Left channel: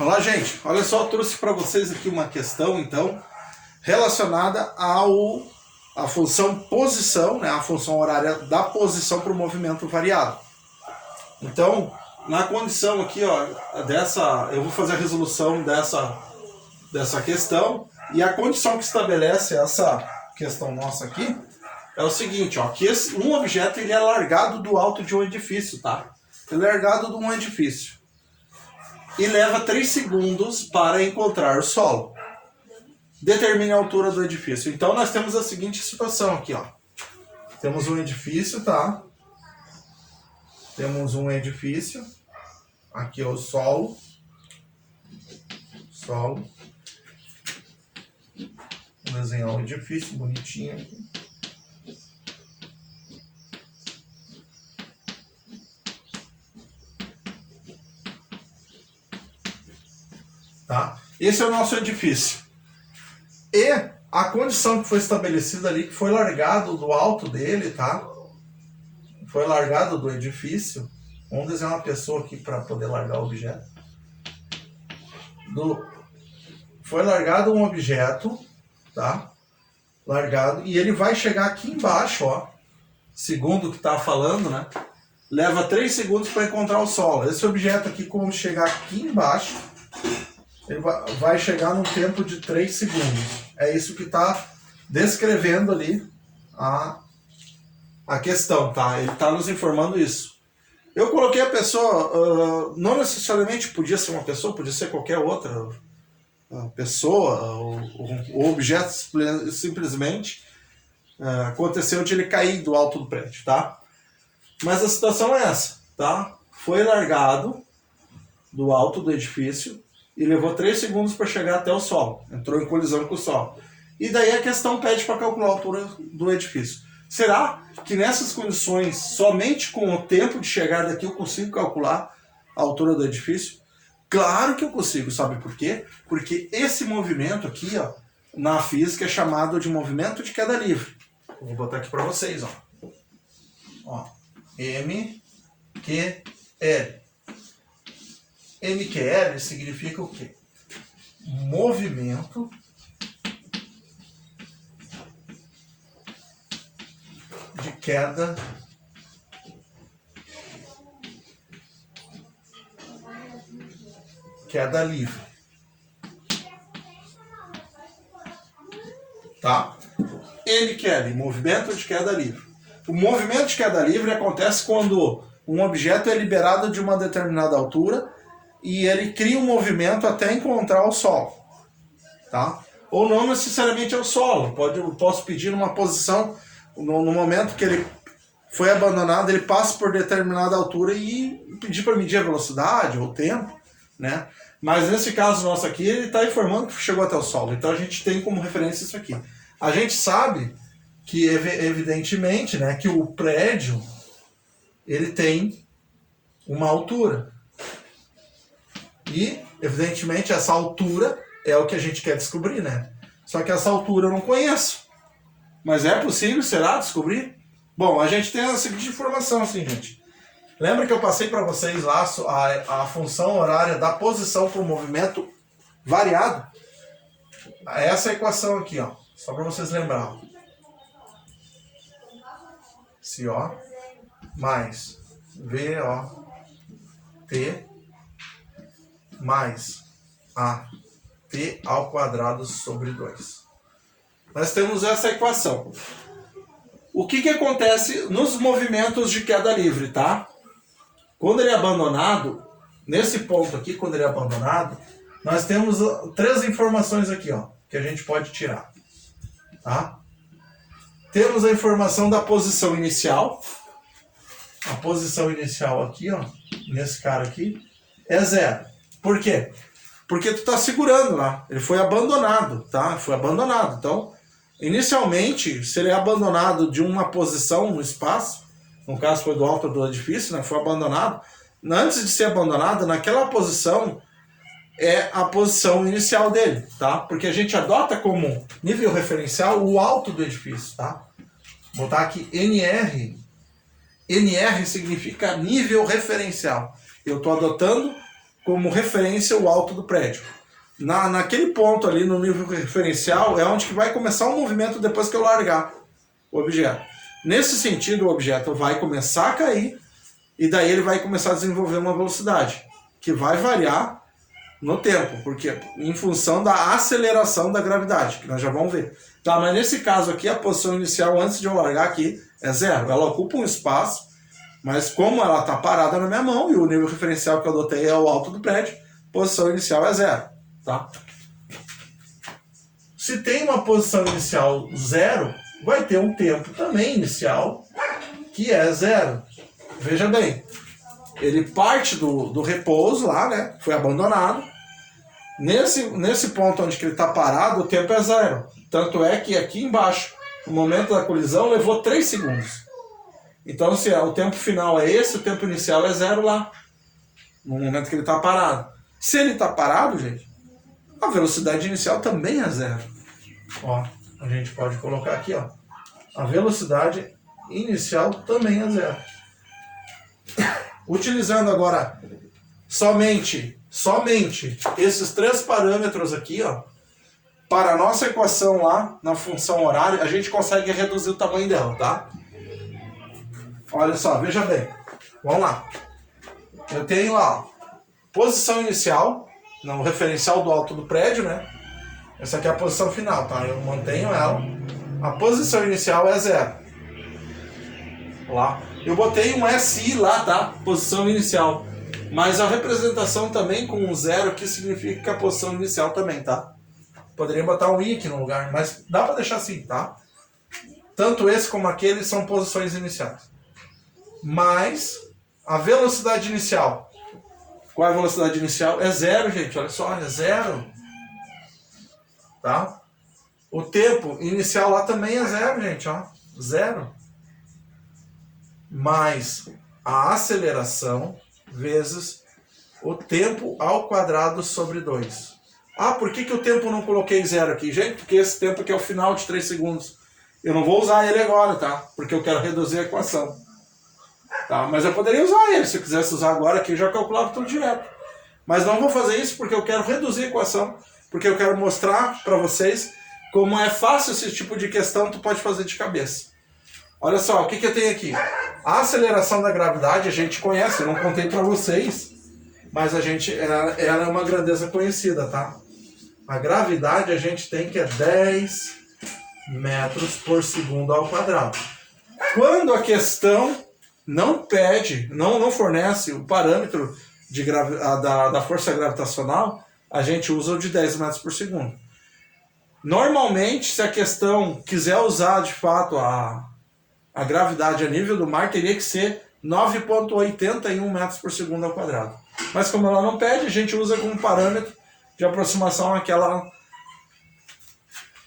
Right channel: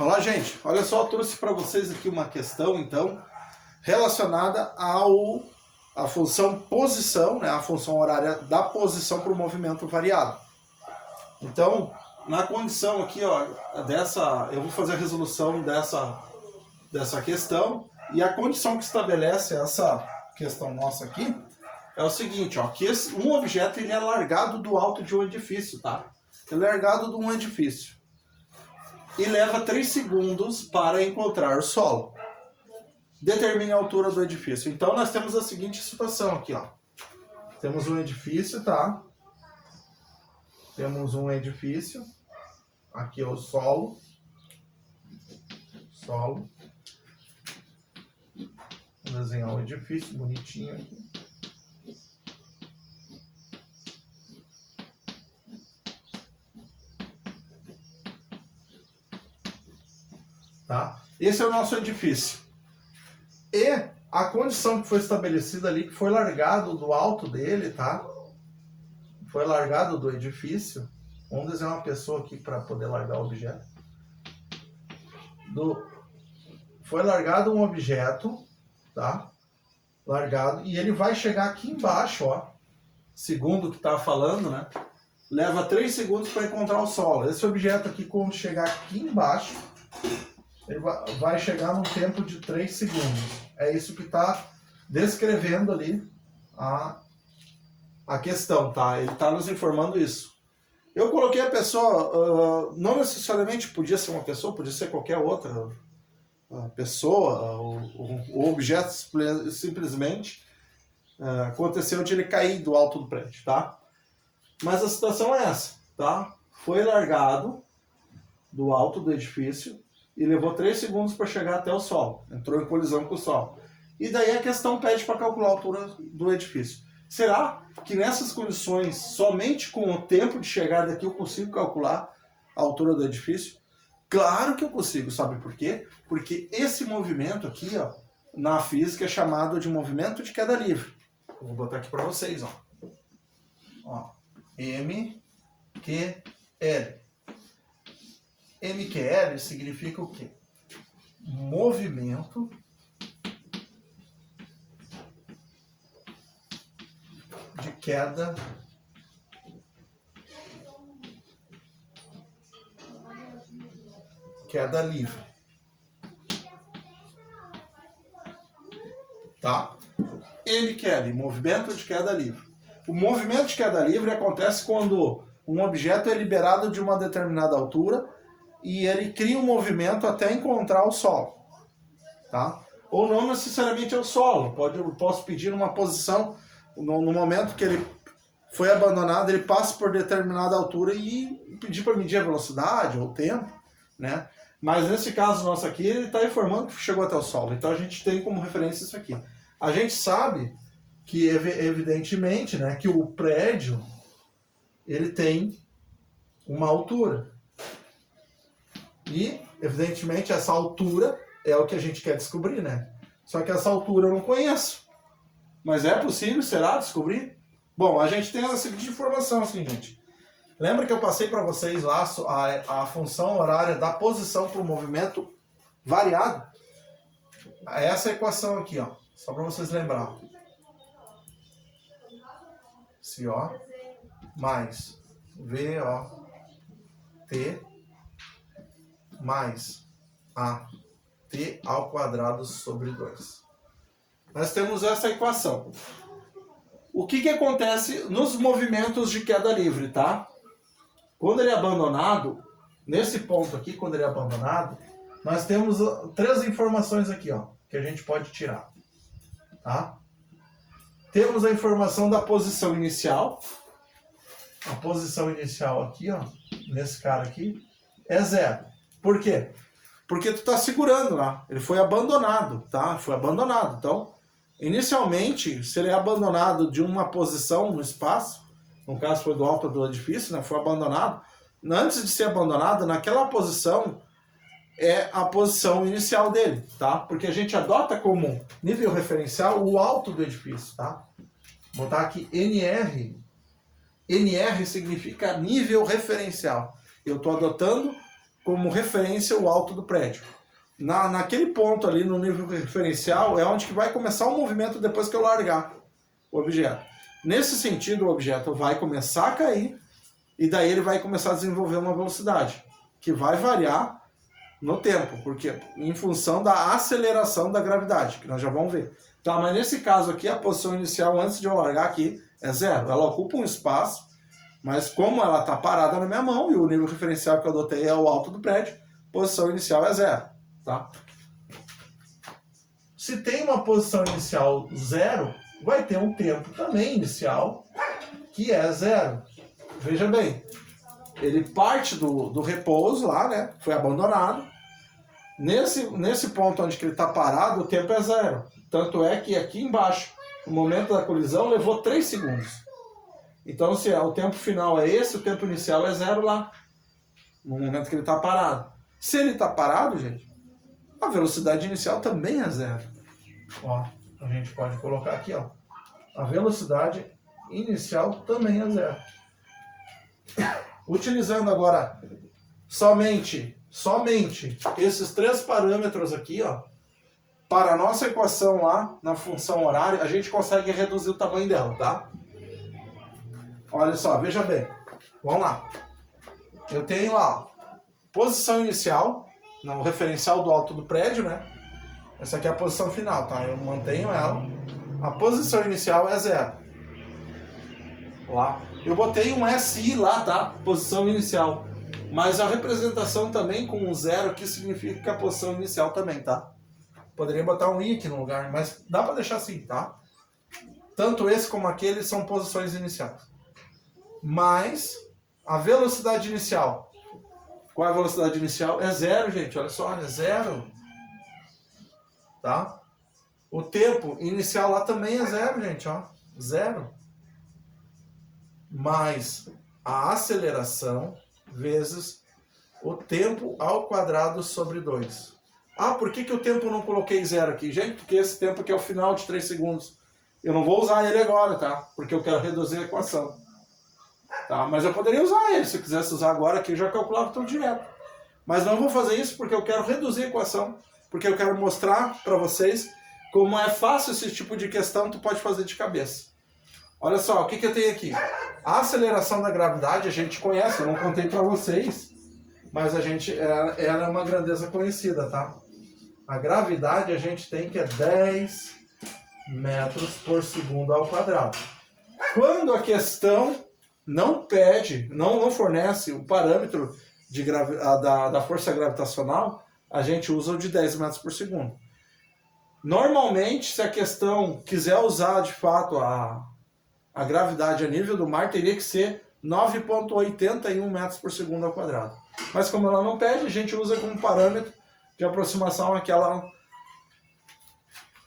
Olá, gente. Olha só, eu trouxe para vocês aqui uma questão, então, relacionada à função posição, né, a função horária da posição para o movimento variado. Então, na condição aqui, ó, eu vou fazer a resolução dessa questão, e a condição que estabelece essa questão nossa aqui é o seguinte, ó, que um objeto ele é largado do alto de um edifício, tá? Ele é largado de um edifício e leva 3 segundos para encontrar o solo. Determine a altura do edifício. Então nós temos a seguinte situação aqui, ó. Temos um edifício, tá? Temos um edifício. Aqui é o solo. Solo. Vou desenhar um edifício bonitinho aqui. Tá? Esse é o nosso edifício. E a condição que foi estabelecida ali, que foi largado do alto dele, tá? Foi largado do edifício. Vamos desenhar uma pessoa aqui para poder largar o objeto. Foi largado um objeto, tá? Largado. E ele vai chegar aqui embaixo, ó. Segundo o que tá falando, né? Leva 3 segundos para encontrar o solo. Esse objeto aqui, quando chegar aqui embaixo, ele vai chegar num tempo de 3 segundos. É isso que está descrevendo ali a questão, tá? Ele está nos informando isso. Eu coloquei a pessoa, não necessariamente podia ser uma pessoa, podia ser qualquer outra pessoa, ou objeto, simplesmente aconteceu de ele cair do alto do prédio, tá? Mas a situação é essa, tá? Foi largado do alto do edifício e levou 3 segundos para chegar até o solo. Entrou em colisão com o solo. E daí a questão pede para calcular a altura do edifício. Será que nessas condições, somente com o tempo de chegada aqui, eu consigo calcular a altura do edifício? Claro que eu consigo, sabe por quê? Porque esse movimento aqui, ó, na física é chamado de movimento de queda livre. Eu vou botar aqui para vocês, ó. MQL. MQL significa o quê? Movimento de queda livre. Tá? MQL, movimento de queda livre. O movimento de queda livre acontece quando um objeto é liberado de uma determinada altura e ele cria um movimento até encontrar o solo, tá? Ou não necessariamente é o solo, posso pedir uma posição, no momento que ele foi abandonado, ele passa por determinada altura e pedir para medir a velocidade ou o tempo, né? Mas nesse caso nosso aqui, ele está informando que chegou até o solo, então a gente tem como referência isso aqui. A gente sabe que, evidentemente, né, que o prédio, ele tem uma altura. E, evidentemente, essa altura é o que a gente quer descobrir, né? Só que essa altura eu não conheço. Mas é possível, será, descobrir? Bom, a gente tem a seguinte informação, assim, gente. Lembra que eu passei para vocês lá a função horária da posição para o movimento variado? Essa equação aqui, ó. Só para vocês lembrarem. CO mais VOT mais AT ao quadrado sobre 2. Nós temos essa equação. O que acontece nos movimentos de queda livre, tá? Quando ele é abandonado, nesse ponto aqui, quando ele é abandonado, nós temos 3 informações aqui, ó, que a gente pode tirar, tá? Temos a informação da posição inicial. A posição inicial aqui, ó, nesse cara aqui, é 0. Por quê? Porque tu tá segurando lá. Ele foi abandonado, tá? Foi abandonado. Então, inicialmente, se ele é abandonado de uma posição no espaço, no caso foi do alto do edifício, né? Foi abandonado. Antes de ser abandonado, naquela posição, é a posição inicial dele, tá? Porque a gente adota como nível referencial o alto do edifício, tá? Vou botar aqui NR. NR significa nível referencial. Eu estou adotando como referência o alto do prédio. Naquele ponto ali no nível referencial é onde que vai começar o movimento depois que eu largar o objeto. Nesse sentido, o objeto vai começar a cair e daí ele vai começar a desenvolver uma velocidade que vai variar no tempo, porque em função da aceleração da gravidade, que nós já vamos ver. Tá, mas nesse caso aqui, a posição inicial antes de eu largar aqui é zero. Ela ocupa um espaço, mas como ela está parada na minha mão e o nível referencial que eu adotei é o alto do prédio, a posição inicial é zero. Tá? Se tem uma posição inicial zero, vai ter um tempo também inicial que é zero. Veja bem, ele parte do repouso lá, né? Foi abandonado. Nesse ponto onde ele está parado, o tempo é zero. Tanto é que aqui embaixo, o momento da colisão levou 3 segundos. Então, se o tempo final é esse, o tempo inicial é zero lá. No momento que ele está parado. Se ele está parado, gente, a velocidade inicial também é zero. Ó, a gente pode colocar aqui, ó. A velocidade inicial também é zero. Utilizando agora somente esses 3 parâmetros aqui, ó, para a nossa equação lá na função horária, a gente consegue reduzir o tamanho dela, tá? Olha só, veja bem. Vamos lá. Eu tenho lá, ó, posição inicial, no referencial do alto do prédio, né? Essa aqui é a posição final, tá? Eu mantenho ela. A posição inicial é zero. Lá. Eu botei um SI lá, tá? Posição inicial. Mas a representação também com um zero aqui significa que a posição inicial também, tá? Poderia botar um I aqui no lugar, mas dá pra deixar assim, tá? Tanto esse como aquele são posições iniciais. Mas a velocidade inicial. Qual é a velocidade inicial? É zero, gente. Olha só, é zero. Tá? O tempo inicial lá também é zero, gente. Ó. Zero. Mais a aceleração vezes o tempo ao quadrado sobre 2. Ah, por que o tempo não coloquei zero aqui? Gente, porque esse tempo aqui é o final de 3 segundos. Eu não vou usar ele agora, tá? Porque eu quero reduzir a equação. Tá? Mas eu poderia usar ele, se eu quisesse usar agora aqui, eu já calculava tudo direto. Mas não vou fazer isso porque eu quero reduzir a equação, porque eu quero mostrar para vocês como é fácil esse tipo de questão, tu pode fazer de cabeça. Olha só, o que eu tenho aqui? A aceleração da gravidade a gente conhece, eu não contei para vocês, mas ela é uma grandeza conhecida, tá? A gravidade a gente tem que é 10 metros por segundo ao quadrado. Quando a questão não pede, não fornece o parâmetro da força gravitacional, a gente usa o de 10 metros por segundo. Normalmente, se a questão quiser usar de fato a gravidade a nível do mar, teria que ser 9,81 metros por segundo ao quadrado. Mas como ela não pede, a gente usa como parâmetro de aproximação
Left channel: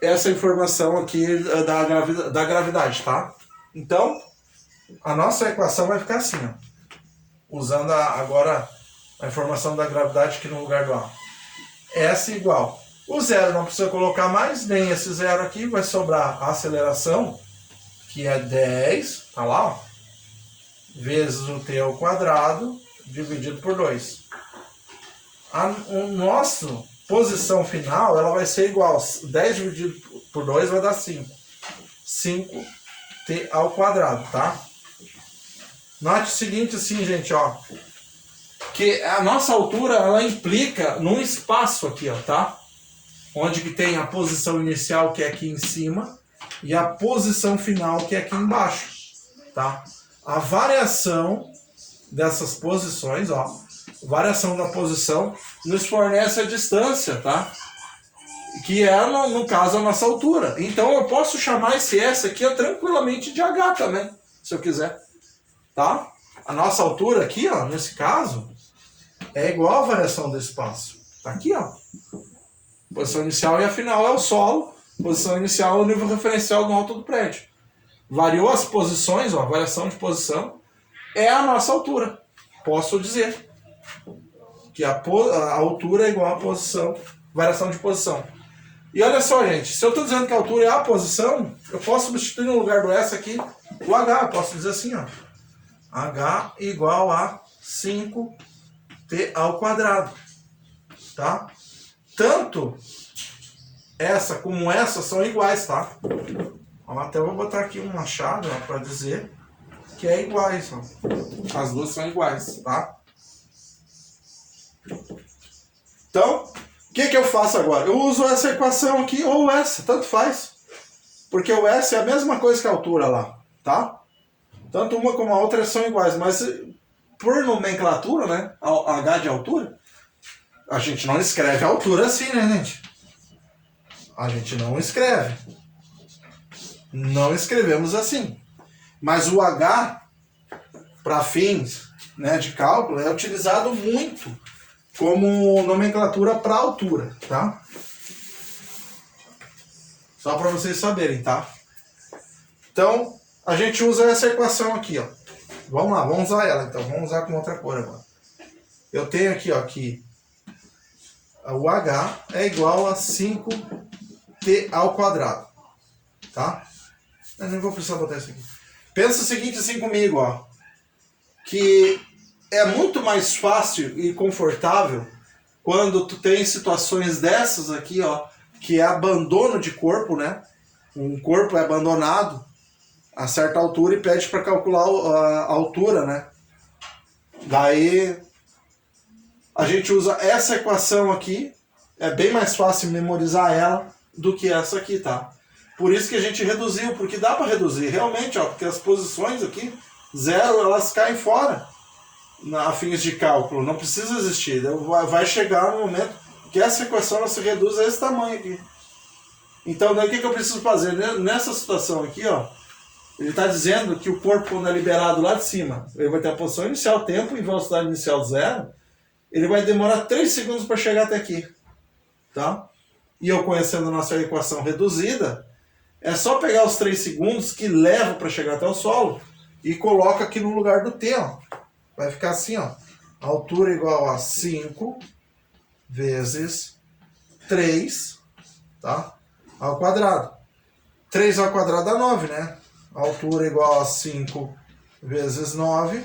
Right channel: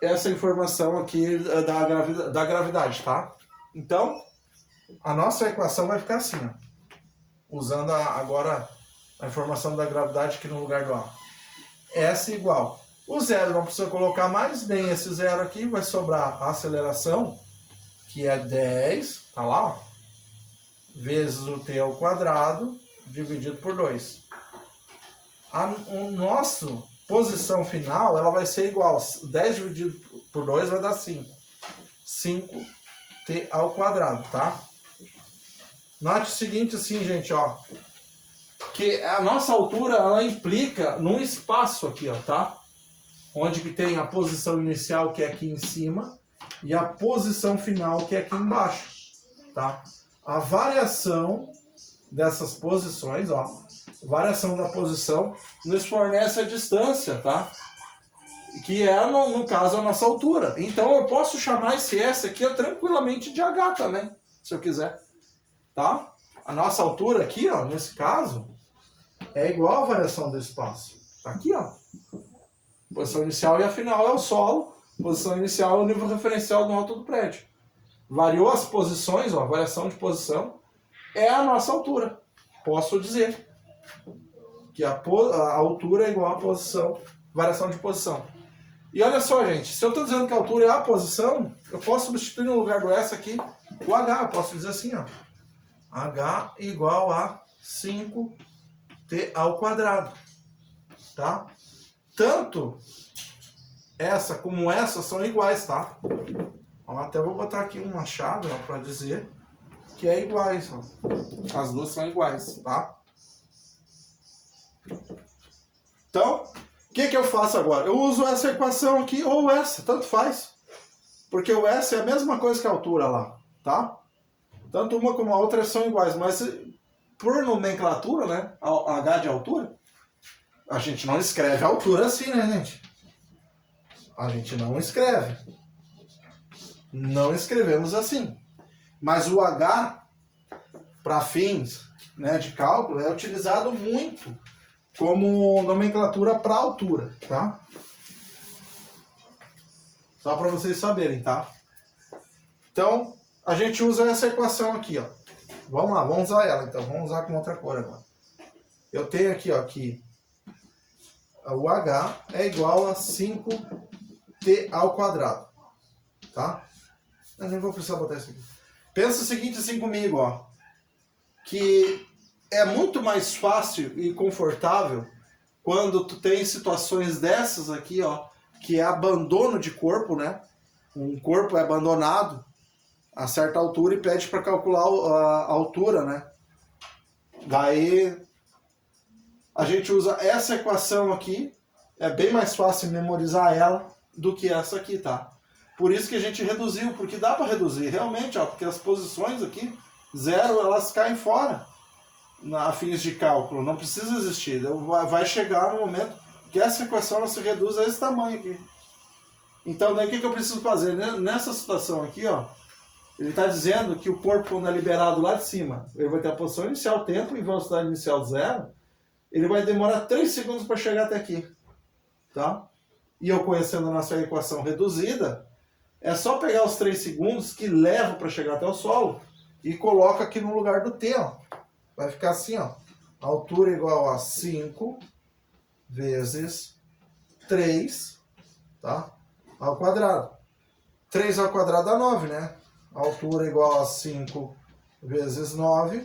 essa informação aqui da gravidade, tá? Então, a nossa equação vai ficar assim, ó, usando agora a informação da gravidade aqui no lugar do A. S igual. O zero não precisa colocar mais, nem esse zero aqui, vai sobrar a aceleração, que é 10, tá lá, ó, vezes o t ao quadrado, dividido por 2. O nosso posição final, ela vai ser igual, 10 dividido por 2 vai dar 5. 5t ao quadrado, tá? Note o seguinte assim, gente, ó, que a nossa altura, ela implica num espaço aqui, ó, tá? Onde que tem a posição inicial, que é aqui em cima, e a posição final, que é aqui embaixo, tá? A variação dessas posições, ó, variação da posição, nos fornece a distância, tá? Que é, no caso, a nossa altura. Então eu posso chamar esse S aqui tranquilamente de H também, se eu quiser, tá? A nossa altura aqui, ó, nesse caso, é igual à variação do espaço. Tá aqui, ó. Posição inicial e a final é o solo. Posição inicial é o nível referencial do alto do prédio. Variou as posições, ó, variação de posição, é a nossa altura. Posso dizer que a altura é igual à posição, variação de posição. E olha só, gente, se eu estou dizendo que a altura é a posição, eu posso substituir no lugar do S aqui o H. Eu posso dizer assim, ó, H igual a 5 T ao quadrado, tá? Tanto essa como essa são iguais, tá? Eu até vou botar aqui uma chave para dizer que é iguais, ó. As duas são iguais, tá? Então, o que eu faço agora? Eu uso essa equação aqui ou essa, tanto faz. Porque o S é a mesma coisa que a altura lá, tá? Tanto uma como a outra são iguais, mas por nomenclatura, né? H de altura, a gente não escreve a altura assim, né, gente? A gente não escreve. Não escrevemos assim. Mas o H, para fins, né, de cálculo, é utilizado muito como nomenclatura para altura, tá? Só para vocês saberem, tá? Então, a gente usa essa equação aqui, ó. Vamos lá, vamos usar ela, então. Vamos usar com outra cor agora. Eu tenho aqui, ó, que o H é igual a 5t ao quadrado, tá? Eu nem vou precisar botar isso aqui. Pensa o seguinte assim comigo, ó. Que é muito mais fácil e confortável quando tu tem situações dessas aqui, ó, que é abandono de corpo, né? Um corpo é abandonado a certa altura e pede para calcular a altura, né? Daí a gente usa essa equação aqui, é bem mais fácil memorizar ela do que essa aqui, tá? Por isso que a gente reduziu, porque dá para reduzir, realmente, ó, porque as posições aqui, zero, elas caem fora a fins de cálculo, não precisa existir. Vai chegar no momento que essa equação ela se reduz a esse tamanho aqui. Então, daí o que eu preciso fazer? Nessa situação aqui, ó, ele está dizendo que o corpo, quando é liberado lá de cima, ele vai ter a posição inicial, tempo e velocidade inicial zero, ele vai demorar 3 segundos para chegar até aqui, tá? E eu conhecendo a nossa equação reduzida, é só pegar os 3 segundos que levam para chegar até o solo e coloca aqui no lugar do T, ó. Vai ficar assim, ó. A altura é igual a 5 vezes 3, tá? Ao quadrado. 3 ao quadrado dá 9, né? A altura é igual a 5 vezes 9.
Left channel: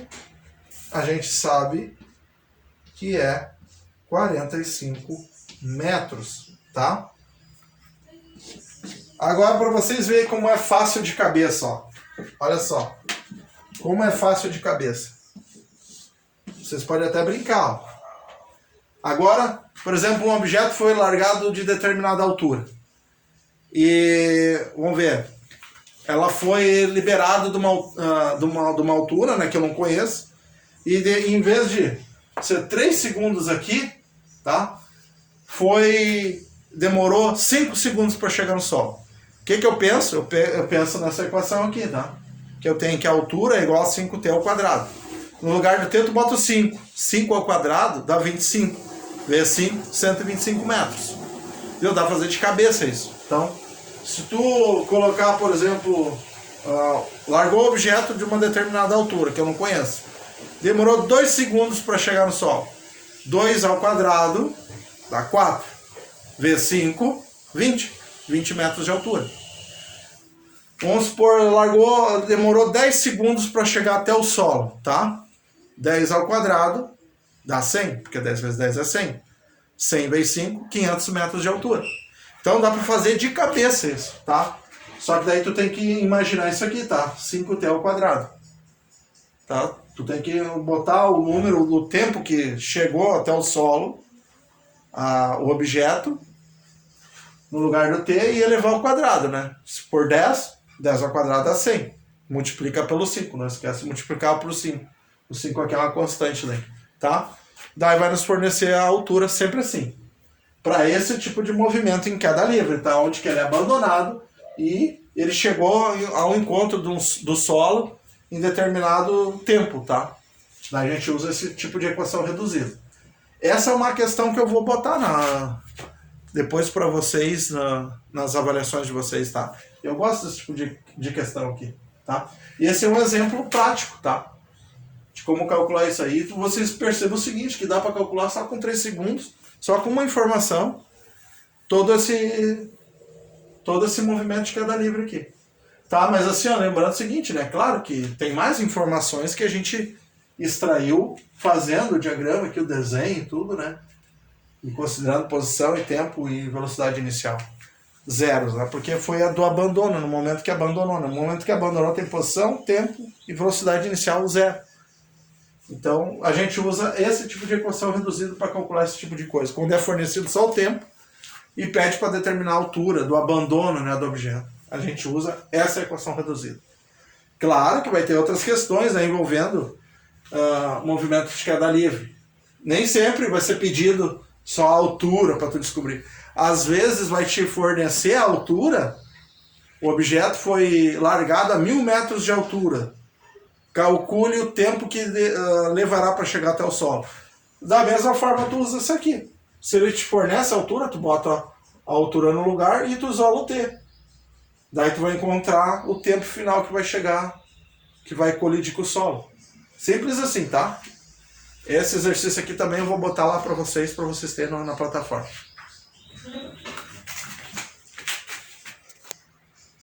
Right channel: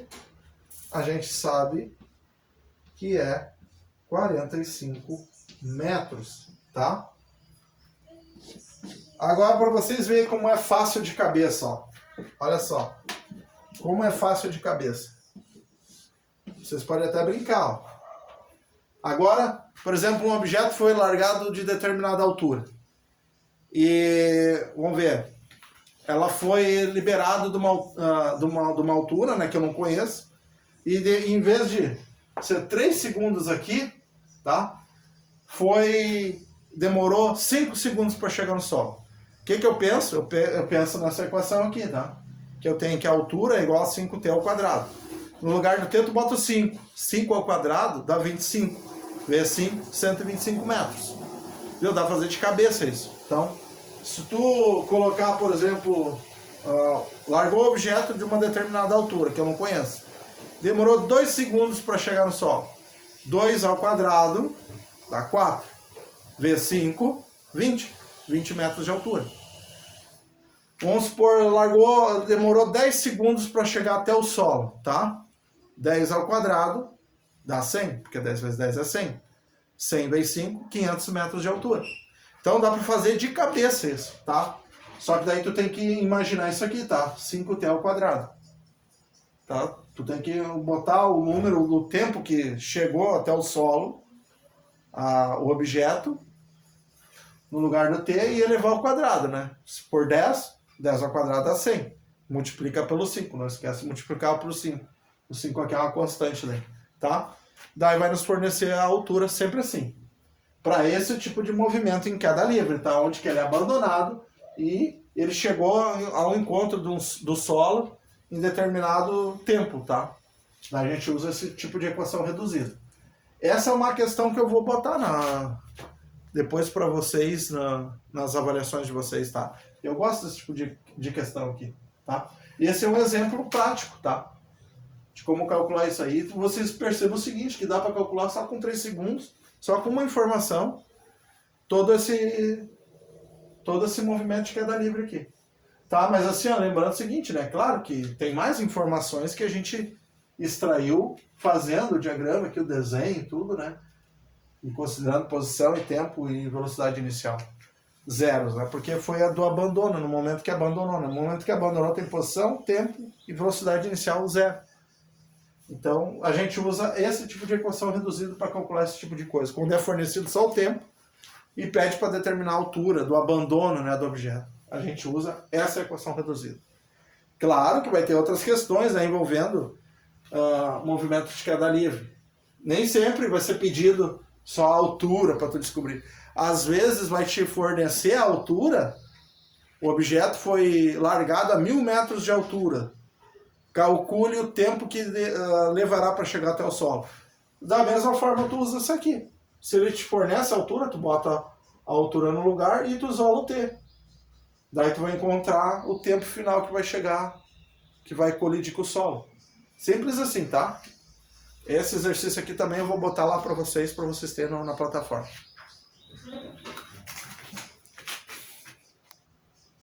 A gente sabe que é 45 metros, tá? Agora, para vocês verem como é fácil de cabeça, ó. Olha só. Como é fácil de cabeça. Vocês podem até brincar, ó. Agora, por exemplo, um objeto foi largado de determinada altura. E, vamos ver, ela foi liberada de uma altura, né, que eu não conheço. E em vez de ser 3 segundos aqui, tá? Demorou 5 segundos para chegar no solo. O que eu penso? Eu penso nessa equação aqui, tá? Que eu tenho que a altura é igual a 5t ao quadrado. No lugar do t, tu bota o 5. 5 ao quadrado dá 25. Vezes 5, 125 metros. Viu? Dá pra fazer de cabeça isso. Então, se tu colocar, por exemplo, largou o objeto de uma determinada altura, que eu não conheço. Demorou 2 segundos para chegar no solo. 2 ao quadrado dá 4. Vezes 5, 20. 20 metros de altura. Vamos supor, demorou 10 segundos para chegar até o solo, tá? 10 ao quadrado dá 100, porque 10 vezes 10 é 100. 100 vezes 5, 500 metros de altura. Então dá para fazer de cabeça isso, tá? Só que daí tu tem que imaginar isso aqui, tá? 5t ao quadrado. Tá? Tu tem que botar o número do tempo que chegou até o solo, o objeto, no lugar do t e elevar ao quadrado, né? Se for 10, 10 ao quadrado dá 100. Multiplica pelo 5, não esquece de multiplicar por 5. O 5 aqui é uma constante, né? Tá? Daí vai nos fornecer a altura sempre assim. Para esse tipo de movimento em queda livre, tá? Onde que ele é abandonado e ele chegou ao encontro do solo em determinado tempo, tá? Daí a gente usa esse tipo de equação reduzida. Essa é uma questão que eu vou botar depois para vocês nas avaliações de vocês, tá? Eu gosto desse tipo de questão aqui, tá? E esse é um exemplo prático, tá? De como calcular isso aí. Vocês percebem o seguinte, que dá para calcular só com 3 segundos, só com uma informação, todo esse movimento de queda livre aqui. Tá? Mas assim, ó, lembrando o seguinte, né? Claro que tem mais informações que a gente extraiu fazendo o diagrama aqui, o desenho e tudo, né? E considerando posição e tempo e velocidade inicial. Zeros, né? Porque foi a do abandono, no momento que abandonou. No momento que abandonou tem posição, tempo e velocidade inicial zero. Então, a gente usa esse tipo de equação reduzida para calcular esse tipo de coisa. Quando é fornecido só o tempo e pede para determinar a altura do abandono, né, do objeto. A gente usa essa equação reduzida. Claro que vai ter outras questões, né, envolvendo movimento de queda livre. Nem sempre vai ser pedido só a altura para tu descobrir. Às vezes vai te fornecer a altura, o objeto foi largado a 1000 metros de altura. Calcule o tempo que levará para chegar até o solo. Da mesma forma tu usa isso aqui. Se ele te fornece a altura, tu bota a altura no lugar e tu isola o T. Daí tu vai encontrar o tempo final que vai chegar, que vai colidir com o solo. Simples assim, tá? Esse exercício aqui também eu vou botar lá para vocês terem na plataforma.